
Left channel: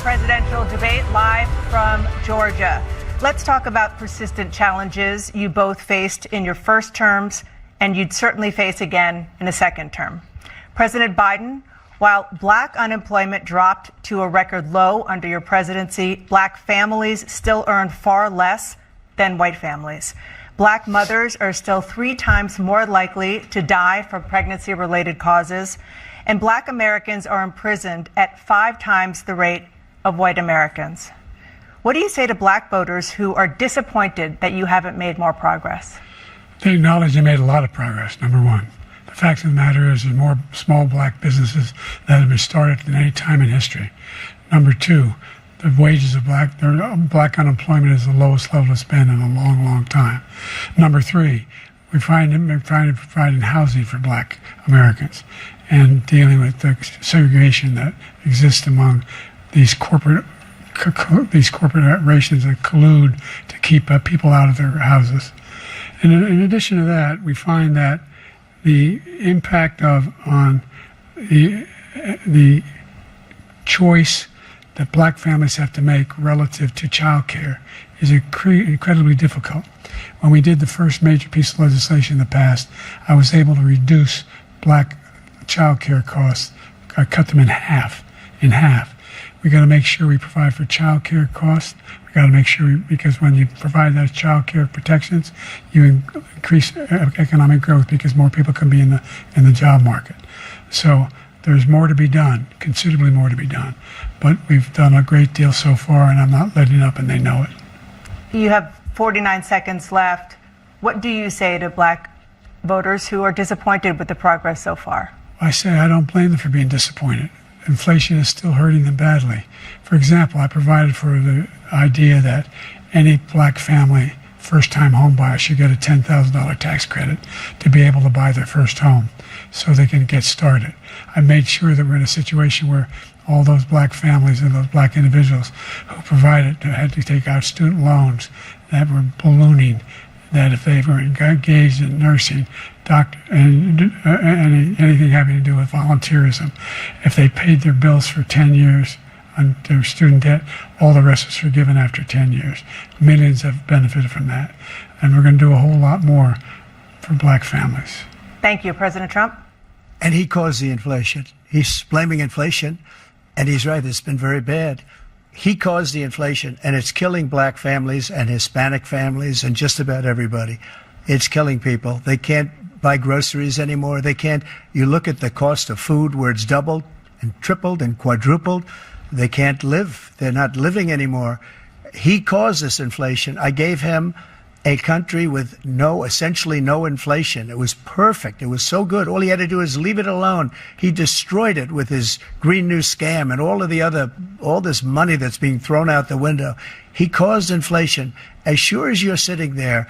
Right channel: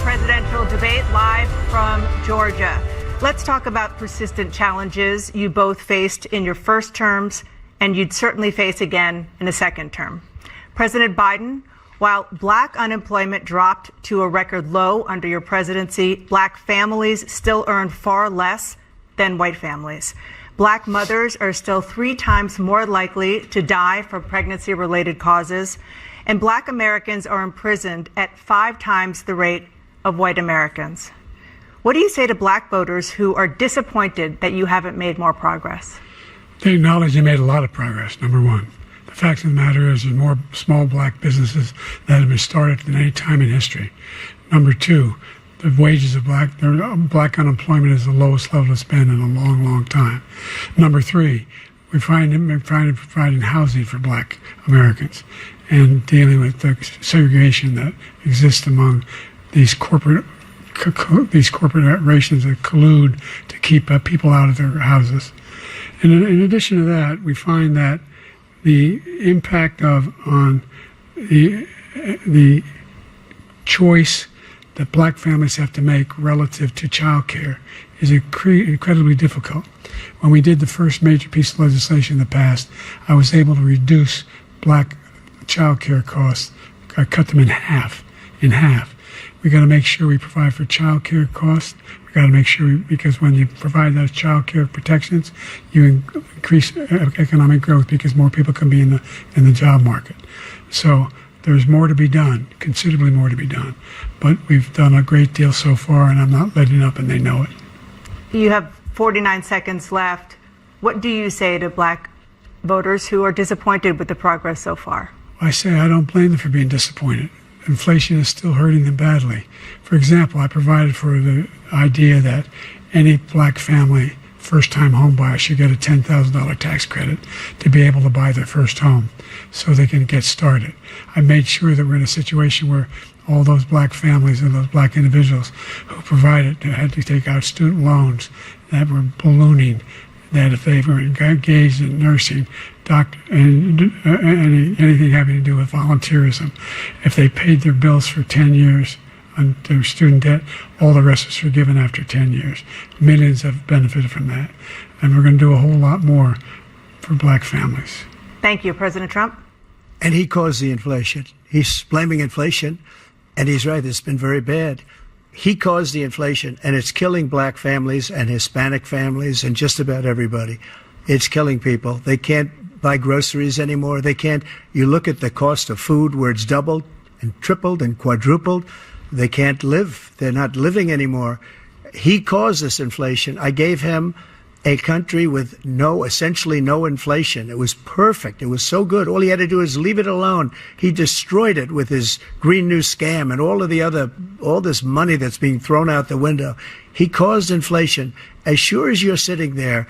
presidential debate live from Georgia. Let's talk about persistent challenges you both faced in your first terms and you'd certainly face again in a second term. President Biden, while black unemployment dropped to a record low under your presidency, black families still earn far less than white families. Black mothers are still 3 times more likely to die from pregnancy-related causes, and Black Americans are imprisoned at 5 times the rate of white Americans. What do you say to Black voters who are disappointed that you haven't made more progress? They acknowledge they made a lot of progress, number one. The fact of the matter is there's more small Black businesses that have been started than any time in history. Number two, the wages of Black unemployment is the lowest level it's been in a long, long time. Number three, we're providing housing for Black Americans and dealing with the segregation that exists among these corporations that collude to keep people out of their houses. And in addition to that, we find that the impact on the choice that Black families have to make relative to child care is incredibly difficult. When we did the first major piece of legislation in the past, I was able to reduce Black child care costs. I cut them in half. We got to make sure we provide for child care costs. We got to make sure, because when you provide those child care protections, you increase economic growth because more people can be in the job market. So there's more to be done, considerably more to be done. But we've done a great deal so far, and I'm not letting up, and they know it. You have 49 seconds left. What do you say to Black voters who are disappointed with the progress so far? I say I don't blame them for being disappointed. Inflation is still hurting them badly. For example, I provided for the idea that any Black family, first-time home buyer, should get a $10,000 tax credit to be able to buy their first home so they can get started. I made sure that we're in a situation where all those Black families and those Black individuals who provided had to take out student loans that were ballooning, that if they were engaged in nursing, doctor, and anything having to do with volunteerism, if they paid their bills for 10 years on their student debt, all the rest was forgiven after 10 years. Millions have benefited from that. And we're going to do a whole lot more for Black families. Thank you, President Trump. And he caused the inflation. He's blaming inflation, and he's right, it's been very bad. He caused the inflation, and it's killing Black families and Hispanic families and just about everybody. It's killing people. They can't buy groceries anymore. They can't. You look at the cost of food where it's doubled and tripled and quadrupled. They can't live. They're not living anymore. He caused this inflation. I gave him a country with essentially no inflation. It was perfect. It was so good. All he had to do is leave it alone. He destroyed it with his Green New Scam and all this money that's being thrown out the window. He caused inflation. As sure as you're sitting there,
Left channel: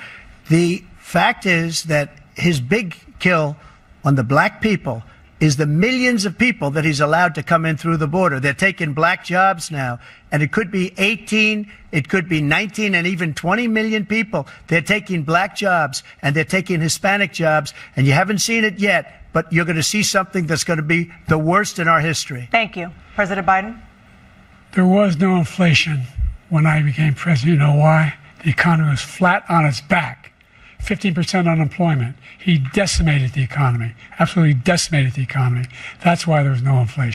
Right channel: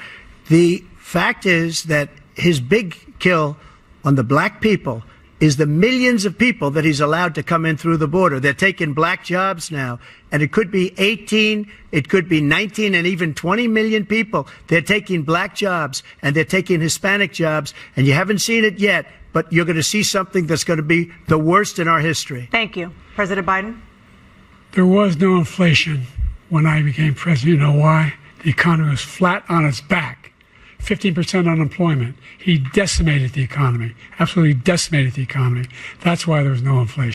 the fact is that his big kill on the Black people is the millions of people that he's allowed to come in through the border. They're taking Black jobs now, and it could be 18, it could be 19, and even 20 million people. They're taking Black jobs, and they're taking Hispanic jobs, and you haven't seen it yet, but you're going to see something that's going to be the worst in our history. Thank you. President Biden? There was no inflation when I became president. You know why? The economy was flat on its back. 15% unemployment. He decimated the economy, absolutely decimated the economy. That's why there was no inflation.